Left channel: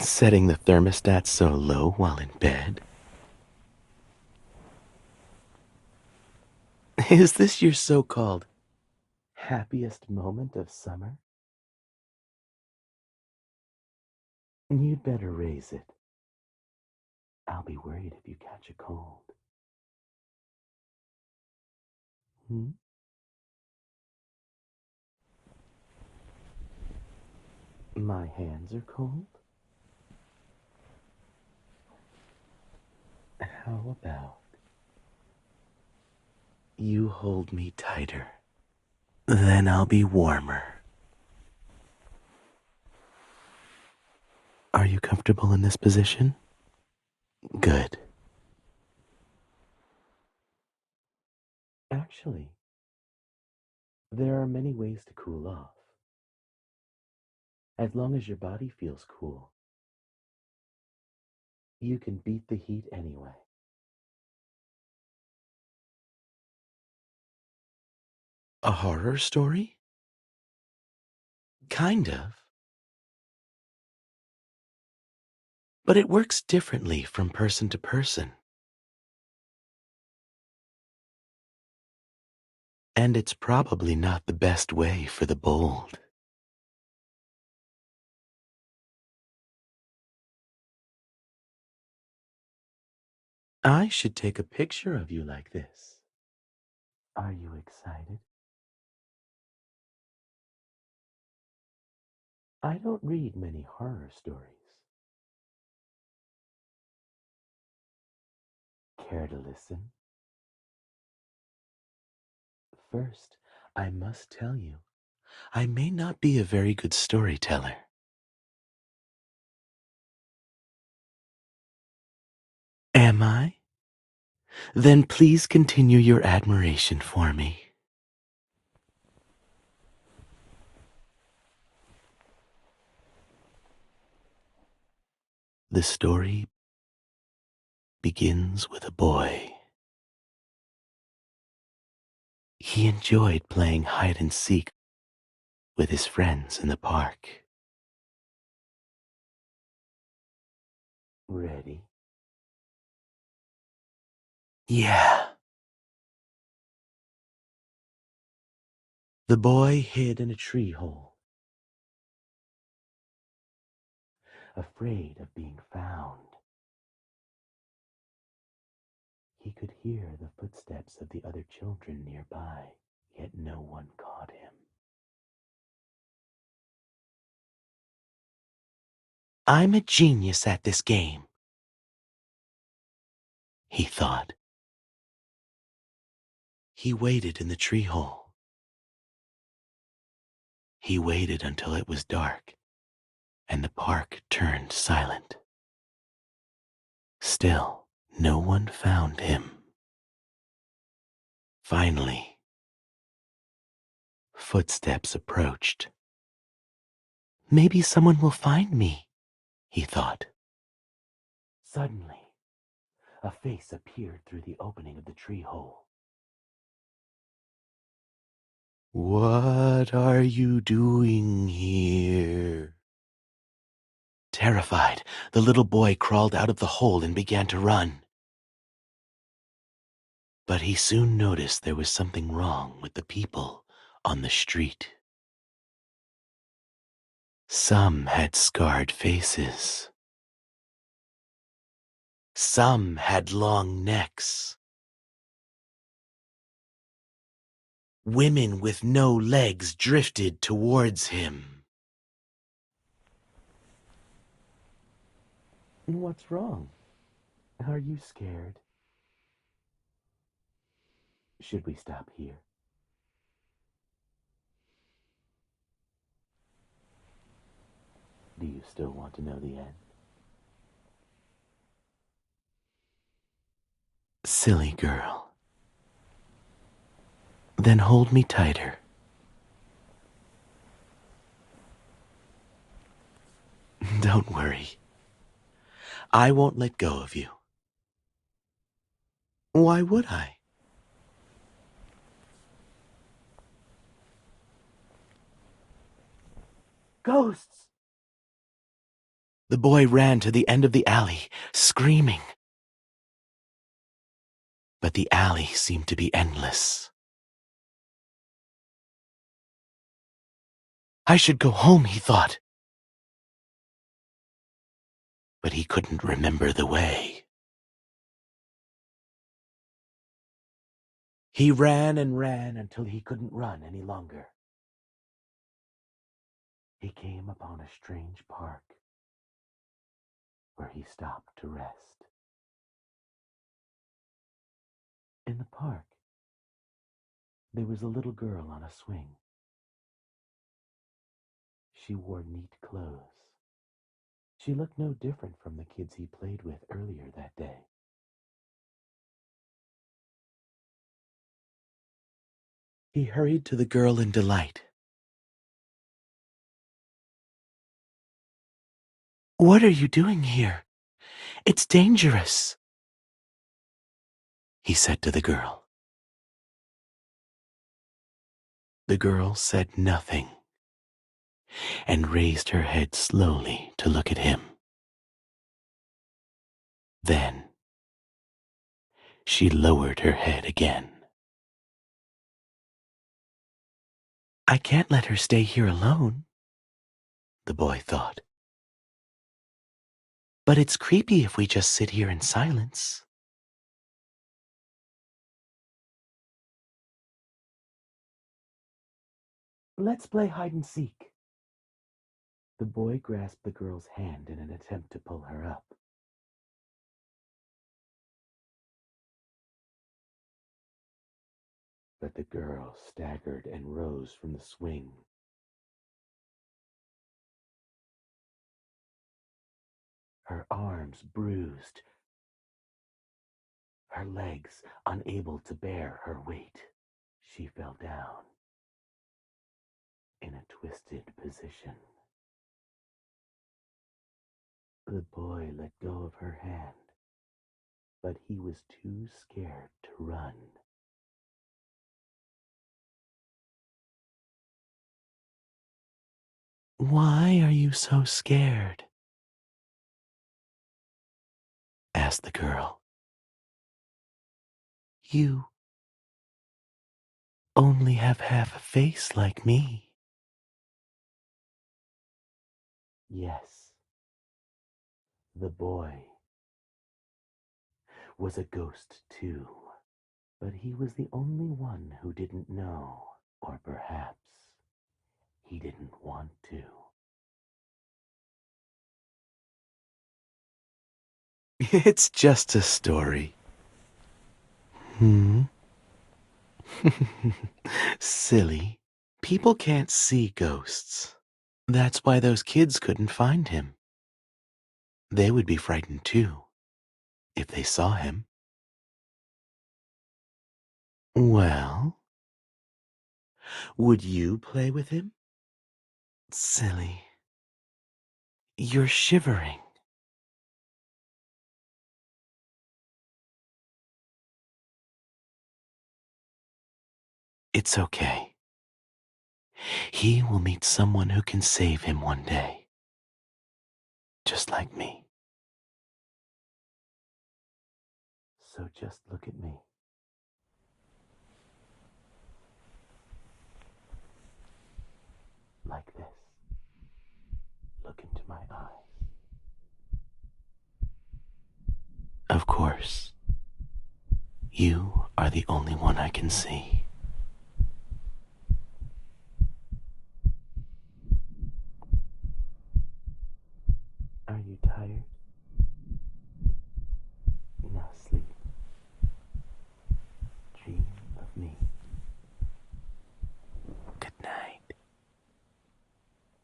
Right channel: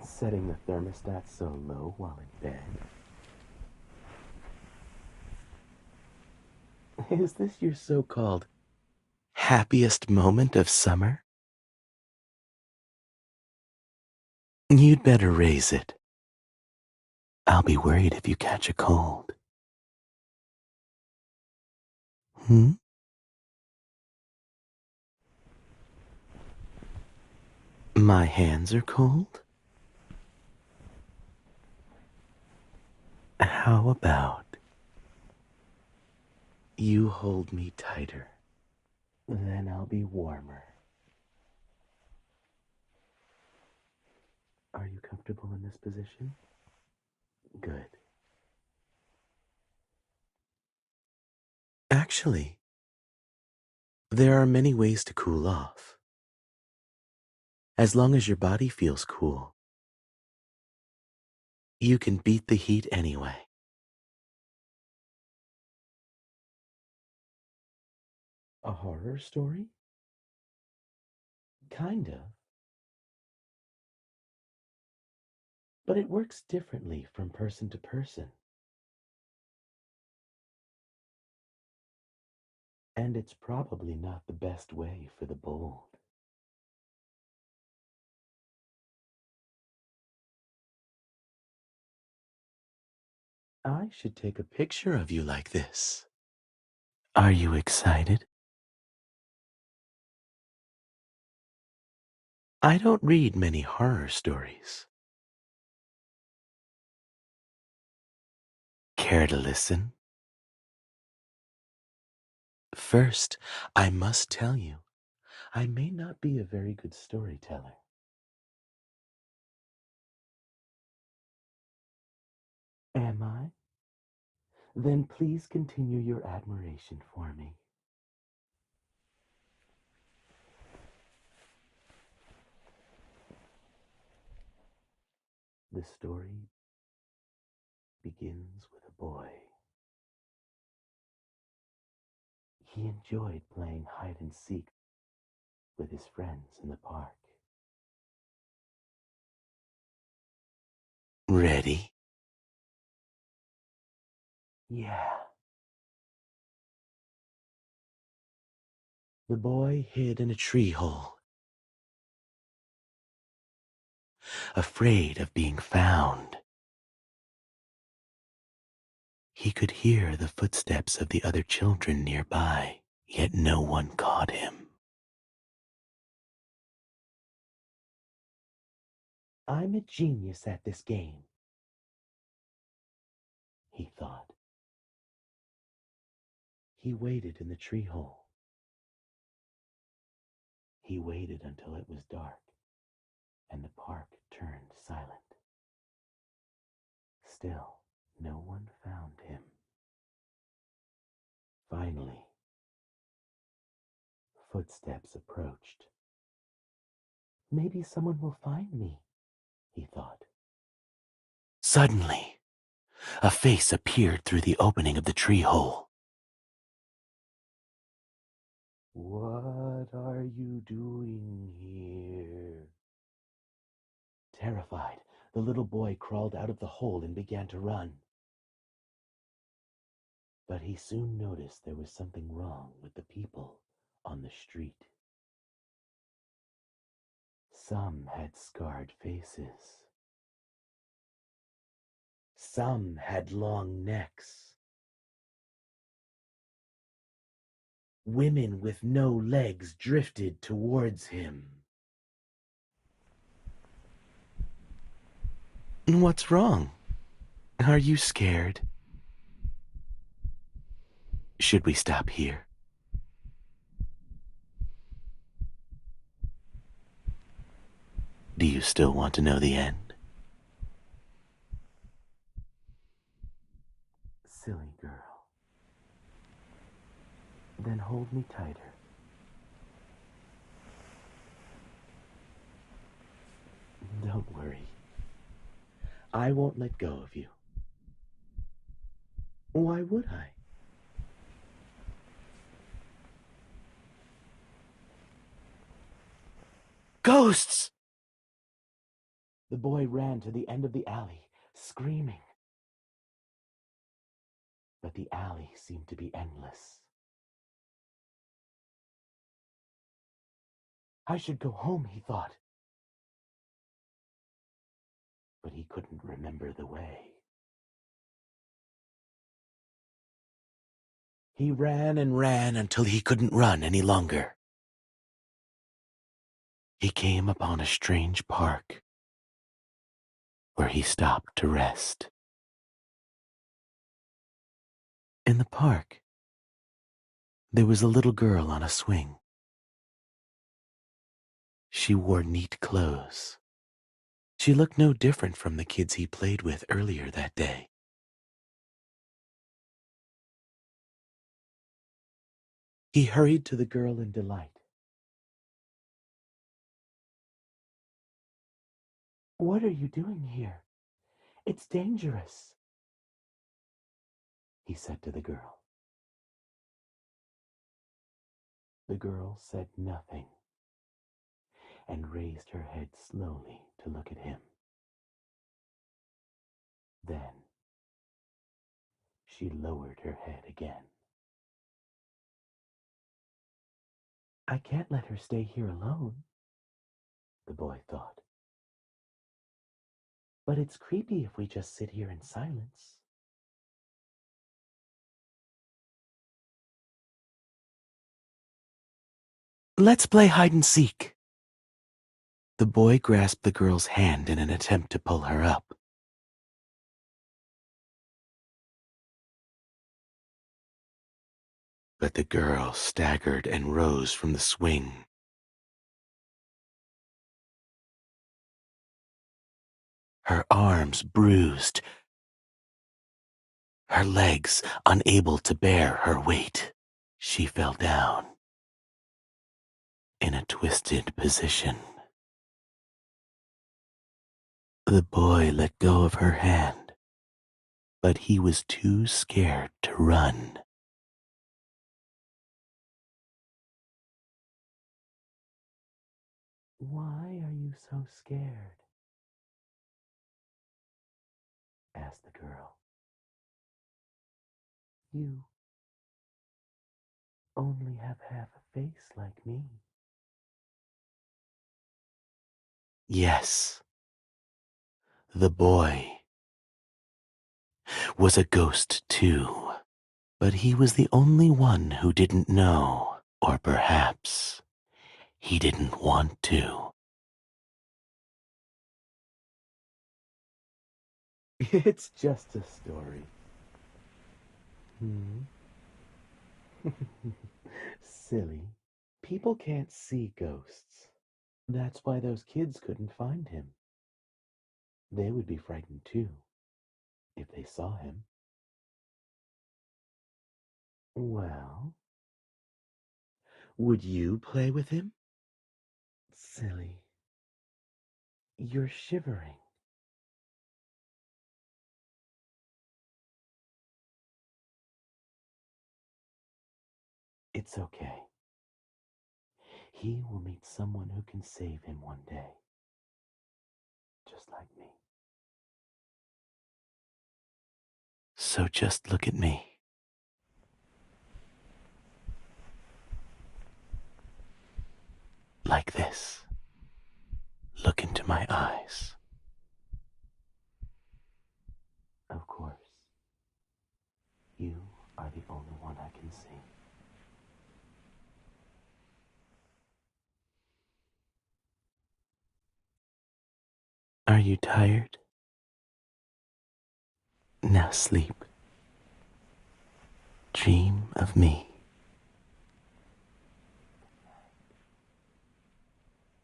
Setting the thermostat so low while in bed? Is this your so-called happiest moment of summer? You'd better raise it. I'll be worried if you catch a cold. Hmm? My hands are cold? How about you hold me tighter? Then I'll be warmer. Are you comfortable in this position? Good. Actually, there are many ways to cool off. As long as your body feels cool, you can beat the heat anyway. A horror story? Kind of. But it works differently from person to person. And it's probably not the best way for the bold. I should take a picture of you like this. Are you excited? I don't read many horror stories. Care to listen? First, I must tell you, I may not be a very good storyteller. Am I? Then please continue your admiration for me. The story begins with a boy. He enjoyed playing hide and seek with his friends in the park. Ready? Yeah. The boy hid in a tree hole, afraid of being found. He could hear the footsteps of the other children nearby, yet no one caught him. I'm a genius at this game, he thought. He waited in the tree hole. He waited until it was dark and the park turned silent. Still, no one found him. Finally, footsteps approached. Maybe someone will find me, he thought. Suddenly, a face appeared through the opening of the tree hole. What are you doing here? Terrified, the little boy crawled out of the hole and began to run. But he soon noticed there was something wrong with the people on the street. Some had scarred faces. Some had long necks. Women with no legs drifted towards him. What's wrong? Are you scared? Should we stop here? Do you still want to know the end? Silly girl. Then hold me tighter. Don't worry. I won't let go of you. Why would I? Ghosts! The boy ran to the end of the alley, screaming. But the alley seemed to be endless. I should go home, he thought. But he couldn't remember the way. He ran and ran until he couldn't run any longer. He came upon a strange park where he stopped to rest. In the park, there was a little girl on a swing. She wore neat clothes. She looked no different from the kids he played with earlier that day. He hurried to the girl in delight. "What are you doing here? It's dangerous," he said to the girl. The girl said nothing and raised her head slowly to look at him. Then she lowered her head again. "I can't let her stay here alone," the boy thought. "But it's creepy if we just sit here in silence." "Let's play hide and seek." The boy grasped the girl's hand in an attempt to pull her up. But the girl staggered and rose from the swing. Her arms bruised, her legs unable to bear her weight. She fell down in a twisted position. The boy let go of her hand, but he was too scared to run. "Why are you so scared?" asked the girl. "You only have half a face like me." Yes, the boy was a ghost too, but he was the only one who didn't know, or perhaps he didn't want to. "It's just a story." "Hmm?" "Silly. People can't see ghosts. That's why those kids couldn't find him. They would be frightened too, if they saw him." "Well, would you play with him?" "Silly. You're shivering." "It's okay. He will meet someone who can save him one day, just like me. So just look at me. Like this. Look into my eyes. Of course, you are the only one I can see. Are you tired? Now sleep. Dream of me."